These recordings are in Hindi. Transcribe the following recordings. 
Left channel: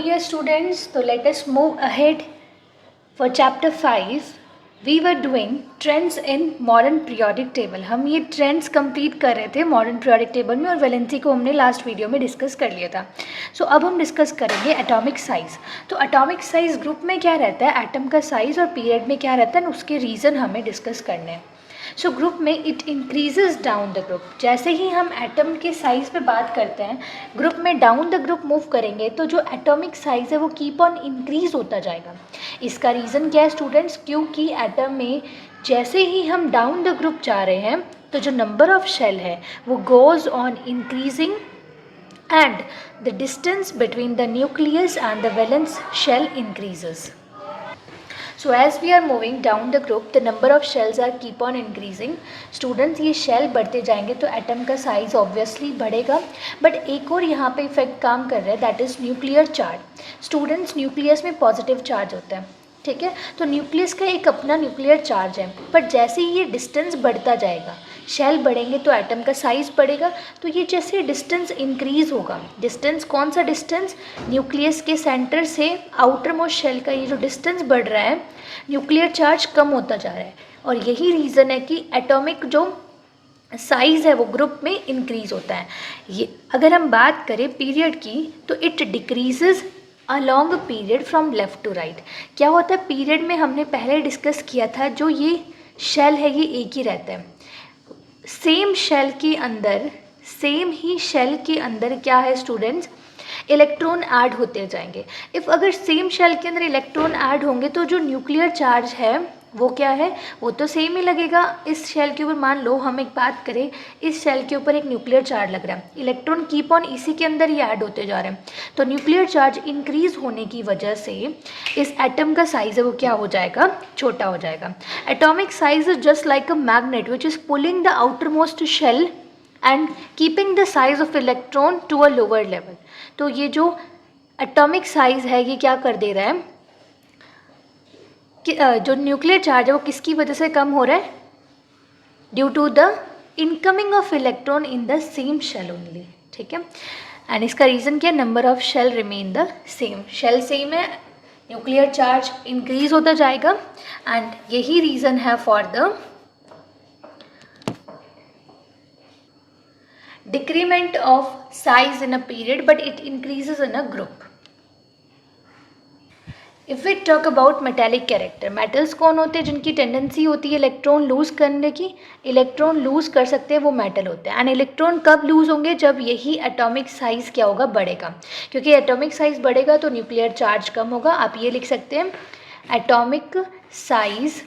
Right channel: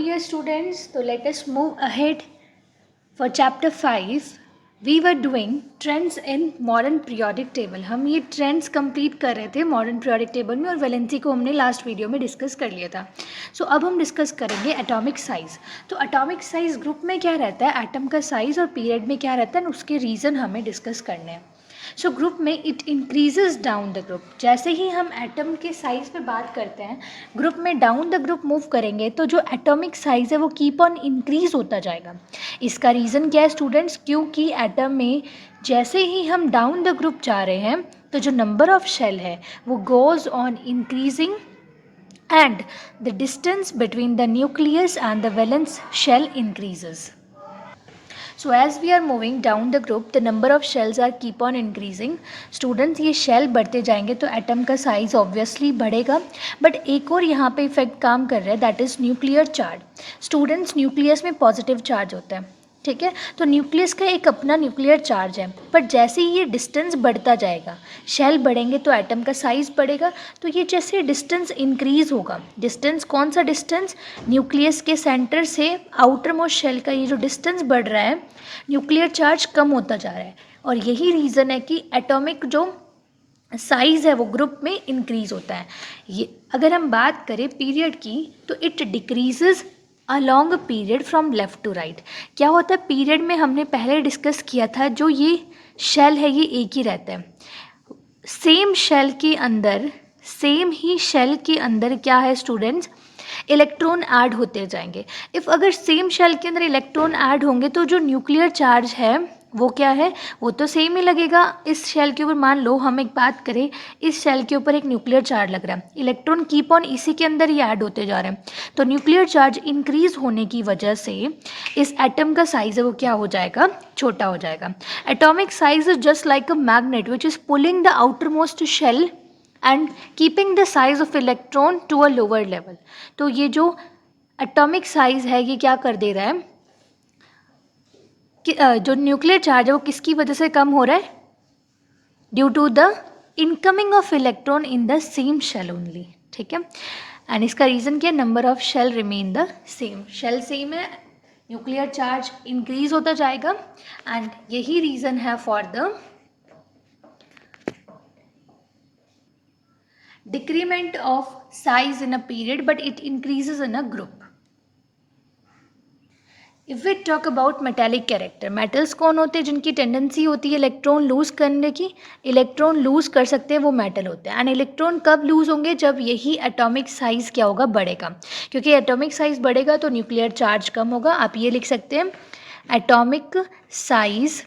dear students, so let us move ahead for chapter 5. We were doing trends in modern periodic table. हम ये ट्रेंड्स कंप्लीट कर रहे थे मॉडर्न पीरियोडिक टेबल में और वैलेंसी को हमने लास्ट वीडियो में डिस्कस कर लिया था. सो अब हम डिस्कस करेंगे एटॉमिक साइज़. तो एटॉमिक साइज़ ग्रुप में क्या रहता है, एटम का साइज़ और पीरियड में क्या रहता है, उसके रीज़न हमें डिस्कस करने हैं. सो ग्रुप में it increases down the group. जैसे ही हम एटम के साइज़ पे बात करते हैं, ग्रुप में डाउन द ग्रुप मूव करेंगे तो जो एटॉमिक साइज़ है वो कीप ऑन इंक्रीज होता जाएगा. इसका रीज़न क्या है स्टूडेंट्स, क्योंकि एटम में जैसे ही हम डाउन द ग्रुप जा रहे हैं तो जो नंबर ऑफ शेल है वो goes on increasing and the distance between the nucleus and the valence shell increases. So as we are moving down the group, the number of shells are keep on increasing. Students, ये shell बढ़ते जाएंगे तो atom का size obviously बढ़ेगा. But एक और यहाँ पे effect काम कर रहा है, that is nuclear charge. Students, nucleus में positive charge होता है, ठीक है. तो न्यूक्लियस का एक अपना न्यूक्लियर चार्ज है, पर जैसे ही ये डिस्टेंस बढ़ता जाएगा, शेल बढ़ेंगे तो एटम का साइज़ बढ़ेगा. तो ये जैसे डिस्टेंस इंक्रीज़ होगा, डिस्टेंस कौन सा डिस्टेंस, न्यूक्लियस के सेंटर से आउटर मोस्ट शेल का ये जो डिस्टेंस बढ़ रहा है, न्यूक्लियर चार्ज कम होता जा रहा है. और यही रीज़न है कि एटॉमिक जो साइज़ है वो ग्रुप में इंक्रीज़ होता है. ये अगर हम बात करें पीरियड की तो it decreases along period from left to right. क्या होता है पीरियड में, हमने पहले डिस्कस किया था, जो ये शेल है ये एक ही रहता है. सेम शेल के अंदर, सेम ही शेल के अंदर क्या है स्टूडेंट्स, इलेक्ट्रॉन ऐड होते जाएंगे. इफ़ अगर सेम शेल के अंदर इलेक्ट्रॉन ऐड होंगे तो जो न्यूक्लियर चार्ज है वो क्या है, वो तो सेम ही लगेगा. इस शेल के ऊपर मान लो हम एक बात करें, इस शेल के ऊपर एक न्यूक्लियर चार्ज लग रहा है, इलेक्ट्रॉन कीप ऑन इसी के अंदर ही ऐड होते जा रहे हैं. तो न्यूक्लियर चार्ज इंक्रीज होने की वजह से इस एटम का साइज है वो क्या हो जाएगा, छोटा हो जाएगा. Atomic size is just like a magnet which is pulling the outer most shell and keeping the size of electron to a lower level. तो ये जो एटॉमिक साइज है ये क्या कर दे रहा है कि जो न्यूक्लियर चार्ज है वो किसकी वजह से कम हो रहा है, due to the incoming of electron in the same shell only, ठीक है. एंड इसका रीज़न क्या है, number of shell remain the same. Shell same है, न्यूक्लियर चार्ज इंक्रीज होता जाएगा. एंड यही रीज़न है for the decrement of size in a period but it increases in a group. If we talk about metallic character, metals कौन होते हैं जिनकी टेंडेंसी होती है इलेक्ट्रॉन लूज़ करने की, इलेक्ट्रॉन लूज़ कर सकते हैं वो मेटल होते हैं. एंड इलेक्ट्रॉन कब लूज़ होंगे, जब यही एटॉमिक साइज़ क्या होगा, बढ़ेगा. क्योंकि एटॉमिक साइज़ बढ़ेगा तो न्यूक्लियर चार्ज कम होगा. आप ये लिख सकते हैं, atomic size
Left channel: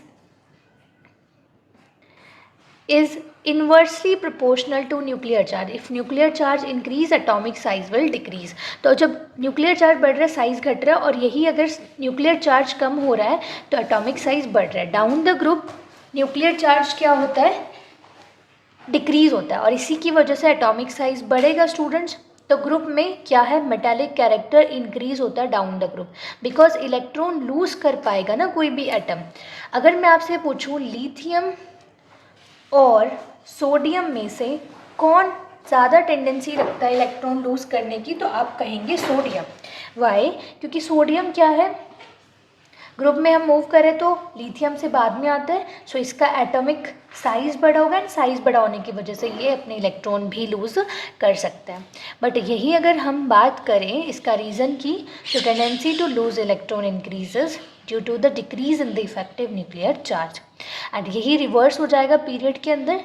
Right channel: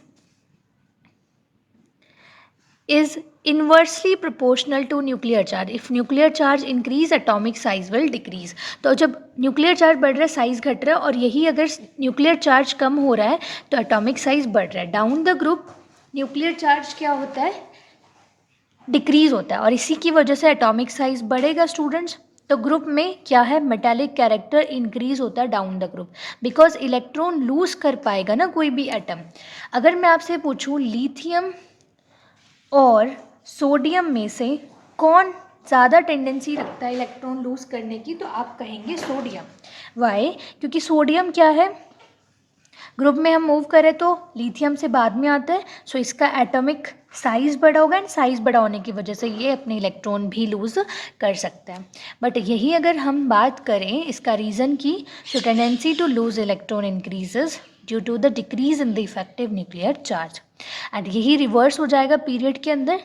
is inversely proportional to nuclear charge. If nuclear charge increase, atomic size will decrease. तो जब न्यूक्लियर चार्ज बढ़ रहा है साइज घट रहा है, और यही अगर न्यूक्लियर चार्ज कम हो रहा है तो एटॉमिक साइज बढ़ रहा है. Down the group nuclear charge क्या होता है, डिक्रीज होता है, और इसी की वजह से एटॉमिक साइज बढ़ेगा स्टूडेंट्स. तो ग्रुप में क्या है, मेटालिक कैरेक्टर इंक्रीज होता है down the group, because electron lose कर पाएगा ना कोई भी एटम. अगर मैं आपसे पूछूँ लिथियम और सोडियम में से कौन ज़्यादा टेंडेंसी रखता है इलेक्ट्रॉन लूज़ करने की, तो आप कहेंगे सोडियम. वाई, क्योंकि सोडियम क्या है, ग्रुप में हम मूव करें तो लिथियम से बाद में आता है. सो इसका एटॉमिक साइज़ बड़ा होगा, एंड साइज़ बड़ा होने की वजह से ये अपने इलेक्ट्रॉन भी लूज़ कर सकता है. बट यही अगर हम बात करें इसका रीज़न की, तो tendency to lose electron increases due to the decrease in the effective nuclear charge. And यही रिवर्स हो जाएगा पीरियड के अंदर,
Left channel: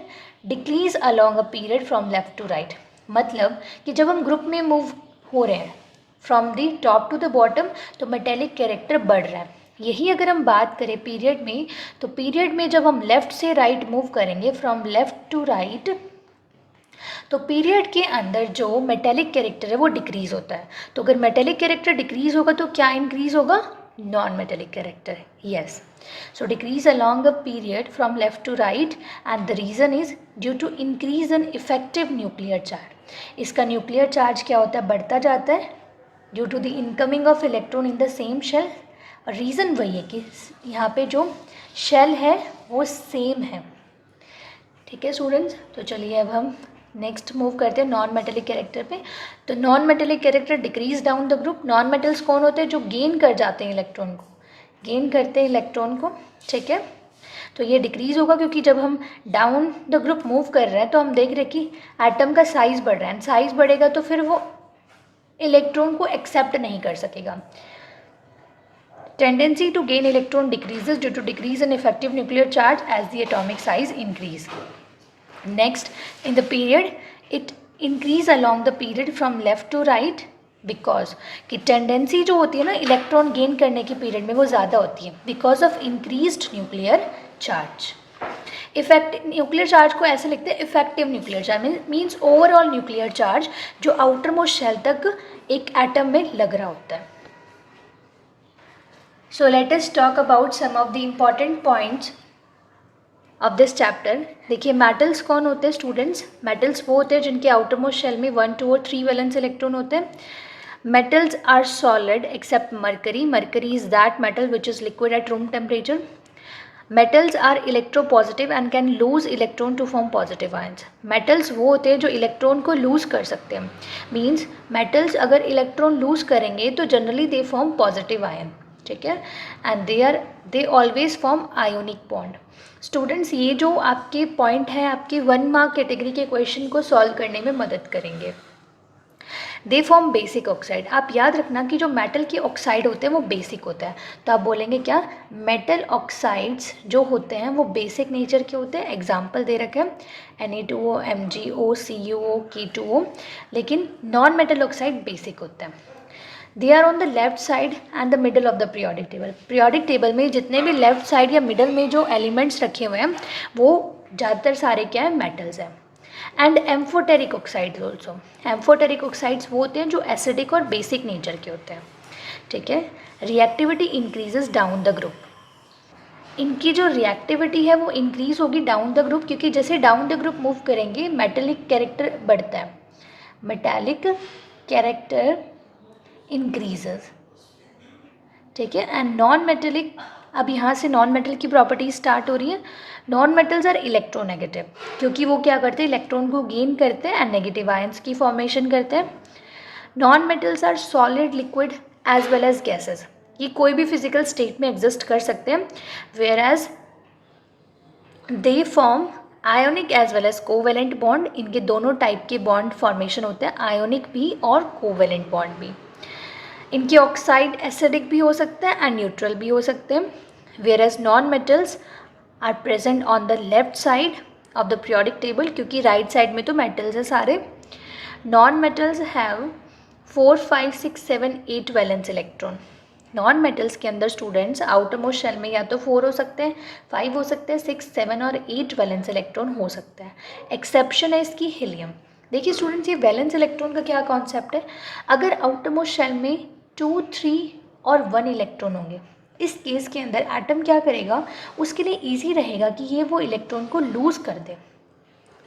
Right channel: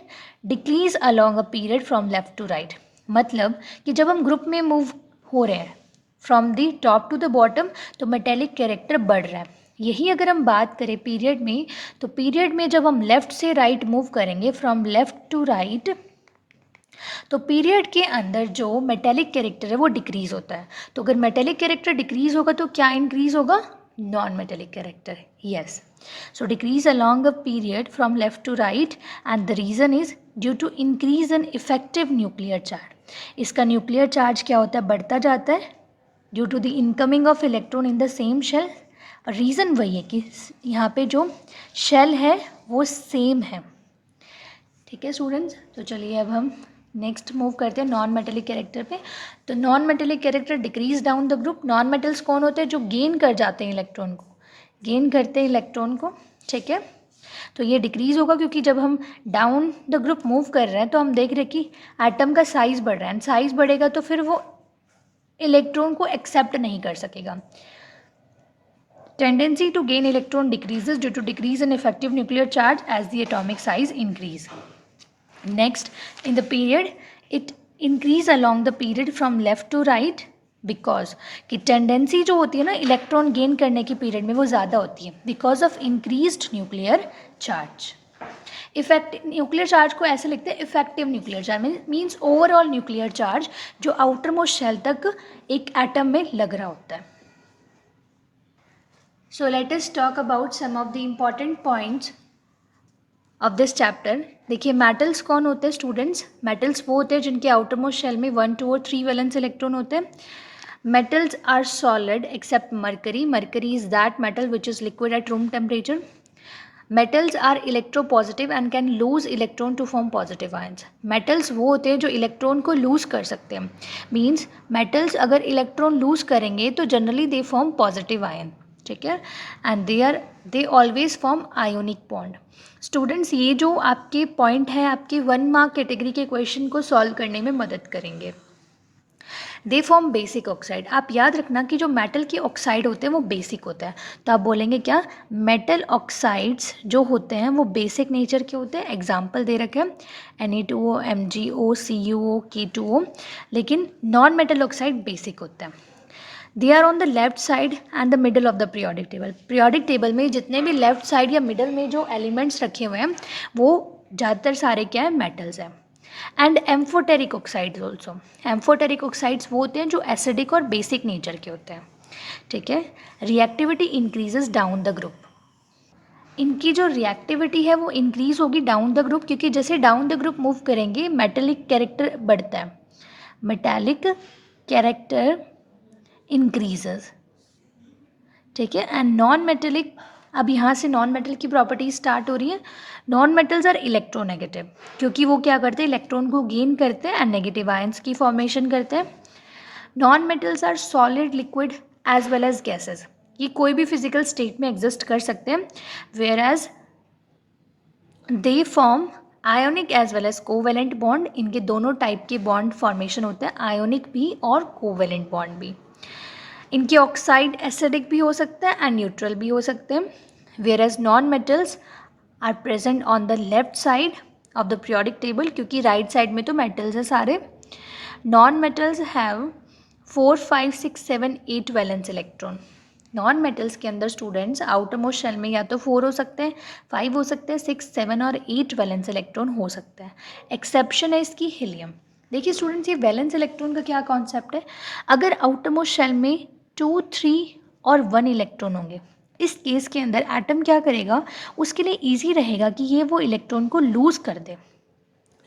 decrease along a period from left to right. मतलब कि जब हम ग्रुप में मूव हो रहे हैं from the top to the bottom तो मेटेलिक कैरेक्टर बढ़ रहा है. यही अगर हम बात करें पीरियड में, तो पीरियड में जब हम लेफ़्ट से राइट मूव करेंगे फ्रॉम लेफ़्ट टू राइट, तो पीरियड के अंदर जो मेटेलिक कैरेक्टर है वो डिक्रीज़ होता है. तो अगर मेटेलिक कैरेक्टर डिक्रीज़ होगा तो क्या इंक्रीज़ होगा, non metallic character. Yes, so decrease along a period from left to right, and the reason is due to increase in effective nuclear charge. इसका न्यूक्लियर चार्ज क्या होता है, बढ़ता जाता है due to the incoming of electron in the same shell. Reason वही है कि यहाँ पे जो शेल है वो सेम है. ठीक है स्टूडेंट्स, तो चलिए अब हम नेक्स्ट मूव करते हैं नॉन मेटेलिक कैरेक्टर पे। तो non metallic character decrease down the group. Non metals कौन होते हैं? जो गेन कर जाते हैं इलेक्ट्रॉन को, गेन करते हैं इलेक्ट्रॉन को, ठीक है। तो ये डिक्रीज होगा क्योंकि जब हम डाउन द ग्रुप मूव कर रहे हैं तो हम देख रहे हैं कि एटम का साइज बढ़ रहा है, एंड साइज बढ़ेगा तो फिर वो इलेक्ट्रॉन को एक्सेप्ट नहीं कर सकेगा। Tendency to gain electron decreases due to decrease in effective nuclear charge as the atomic size increase. Next, in the period it increase along the period from left to right because कि टेंडेंसी जो होती है ना इलेक्ट्रॉन गेन करने की पीरियड में वो ज़्यादा होती है because of increased nuclear charge. Effective nuclear charge को ऐसे लिखते हैं effective nuclear charge means overall nuclear charge जो आउटर मोस्ट शेल तक एक एटम में लग रहा होता है। So let us talk about some of the important points of this chapter. देखिए मेटल्स कौन होते हैं स्टूडेंट्स? मेटल्स वो होते हैं जिनके आउटर मोस्ट शेल में 1, 2 और 3 वैलेंस इलेक्ट्रॉन होते हैं। Metals are solid except mercury. Mercury is that metal which is liquid at room temperature. Metals are electropositive and can lose electron to form positive ions. Metals वो होते हैं जो इलेक्ट्रॉन को लूज कर सकते हैं। मीन्स मेटल्स अगर इलेक्ट्रॉन लूज करेंगे तो generally they form positive ion, ठीक है, and they always form ionic bond. Students ये जो आपके पॉइंट है आपके 1 मार्क कैटेगरी के क्वेश्चन को सॉल्व करने में मदद करेंगे। They form basic oxide. आप याद रखना कि जो मेटल के ऑक्साइड होते हैं वो बेसिक होता है, तो आप बोलेंगे क्या? मेटल ऑक्साइड्स जो होते हैं वो बेसिक नेचर के होते हैं। एग्जाम्पल दे रखे हैं Na2O, MgO, CuO, K2O, लेकिन नॉन मेटल ऑक्साइड बेसिक होते हैं। They are on the left side and the middle of the periodic table. Periodic table में जितने भी लेफ्ट साइड या मिडल में जो एलिमेंट्स रखे हुए हैं वो ज़्यादातर सारे क्या है? मेटल्स हैं। And amphoteric oxides also. Amphoteric oxides वो होते हैं जो एसिडिक और बेसिक नेचर के होते हैं, ठीक है। Reactivity increases down the group. इनकी जो रिएक्टिविटी है वो इंक्रीज होगी डाउन द ग्रुप क्योंकि जैसे डाउन द ग्रुप मूव करेंगे मेटेलिक कैरेक्टर बढ़ता है, मेटेलिक कैरेक्टर इंक्रीजेज, ठीक है। एंड नॉन मेटेलिक, अब यहाँ से नॉन मेटल की प्रॉपर्टीज स्टार्ट हो रही है। नॉन मेटल्स आर इलेक्ट्रोनेगेटिव क्योंकि वो क्या करते हैं? इलेक्ट्रॉन को गेन करते हैं एंड नेगेटिव आयंस की फॉर्मेशन करते हैं। Non metals are solid, liquid as well as gases. ये कोई भी फिजिकल स्टेट में एग्जिस्ट कर सकते हैं, where as they form ionic as well as covalent bond. इनके दोनों टाइप के बॉन्ड फॉर्मेशन होते हैं, आयोनिक भी और कोवेलेंट बॉन्ड भी। इनके ऑक्साइड एसिडिक भी हो सकते हैं एंड न्यूट्रल भी हो सकते हैं, where as non metals are present on the left side of the periodic table क्योंकि राइट साइड में तो मेटल्स है सारे। Non metals have 4, 5, 6, 7, 8 valence electron. Non metals के अंदर स्टूडेंट्स आउटर मोस्ट शेल में या तो 4 हो सकते हैं, 5 हो सकते हैं, 6, 7 और 8 वैलेंस इलेक्ट्रॉन हो सकता है। एक्सेप्शन है इसकी हीलियम। देखिए स्टूडेंट्स ये वैलेंस इलेक्ट्रॉन का क्या कॉन्सेप्ट है? अगर आउटर मोस्ट शेल में 2, 3 और 1 इलेक्ट्रॉन होंगे, इस केस के अंदर एटम क्या करेगा? उसके लिए ईजी रहेगा कि ये वो इलेक्ट्रॉन को लूज़ कर दे।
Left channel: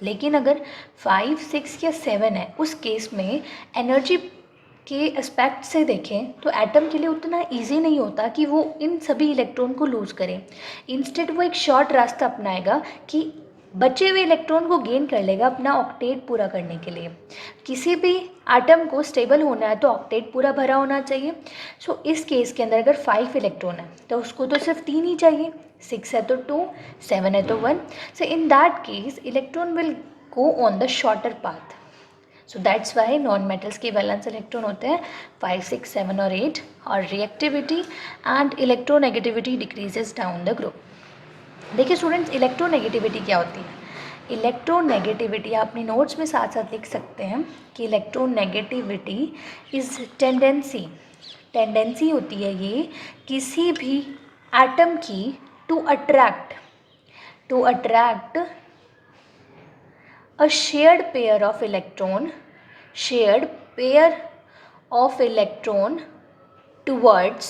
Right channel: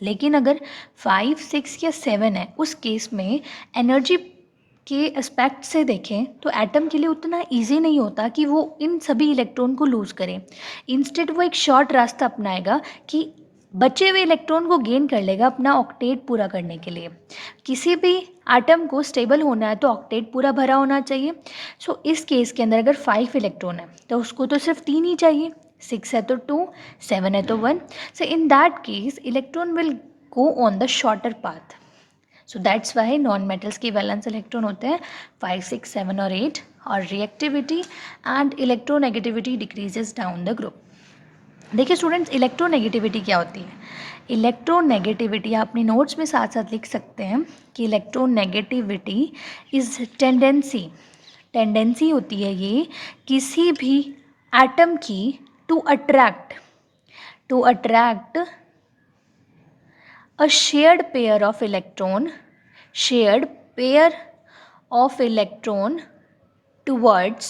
लेकिन अगर 5, 6 या 7 है उस केस में एनर्जी के एस्पेक्ट से देखें तो एटम के लिए उतना ईजी नहीं होता कि वो इन सभी इलेक्ट्रॉन को लूज़ करे। इंस्टेड वो एक शॉर्ट रास्ता अपनाएगा कि बचे हुए इलेक्ट्रॉन को गेन कर लेगा अपना ऑक्टेट पूरा करने के लिए। किसी भी एटम को स्टेबल होना है तो ऑक्टेट पूरा भरा होना चाहिए। सो इस केस के अंदर अगर 5 इलेक्ट्रॉन है तो उसको तो सिर्फ 3 ही चाहिए, 6 है तो 2, 7 है तो 1। So in that case electron will go on the shorter path. So that's why non metals के वैलेंस इलेक्ट्रॉन होते हैं 5, 6, 7 और 8 और reactivity and electronegativity decreases down the group. देखिए स्टूडेंट्स इलेक्ट्रोनेगेटिविटी क्या होती है? इलेक्ट्रोनेगेटिविटी आप अपनी नोट्स में साथ साथ लिख सकते हैं कि इलेक्ट्रोनेगेटिविटी इज टेंडेंसी होती है ये किसी भी एटम की to attract a shared pair of electron towards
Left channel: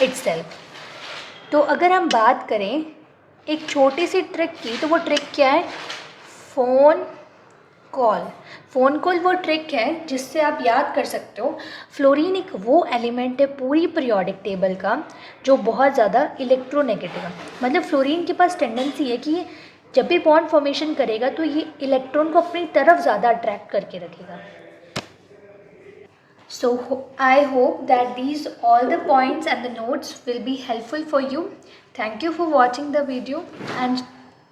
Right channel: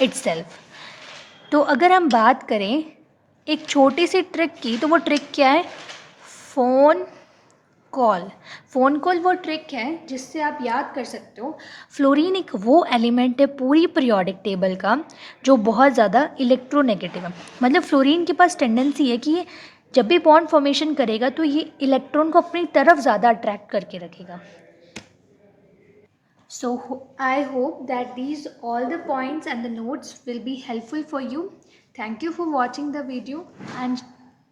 itself। तो अगर हम बात करें एक छोटी सी ट्रिक की तो वो ट्रिक क्या है? फ़ोन कॉल वो ट्रिक है जिससे आप याद कर सकते हो फ्लोरीन एक वो एलिमेंट है पूरी पीरियोडिक टेबल का जो बहुत ज़्यादा इलेक्ट्रोनेगेटिव है। मतलब फ्लोरीन के पास टेंडेंसी है कि जब भी बॉन्ड फॉर्मेशन करेगा तो ये इलेक्ट्रॉन को अपनी तरफ ज़्यादा अट्रैक्ट करके रखेगा. So I hope that these all the points and the notes will be helpful for you. Thank you for watching the video and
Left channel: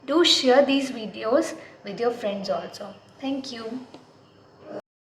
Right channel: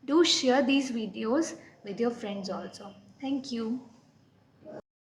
do share these videos with your friends also. Thank you.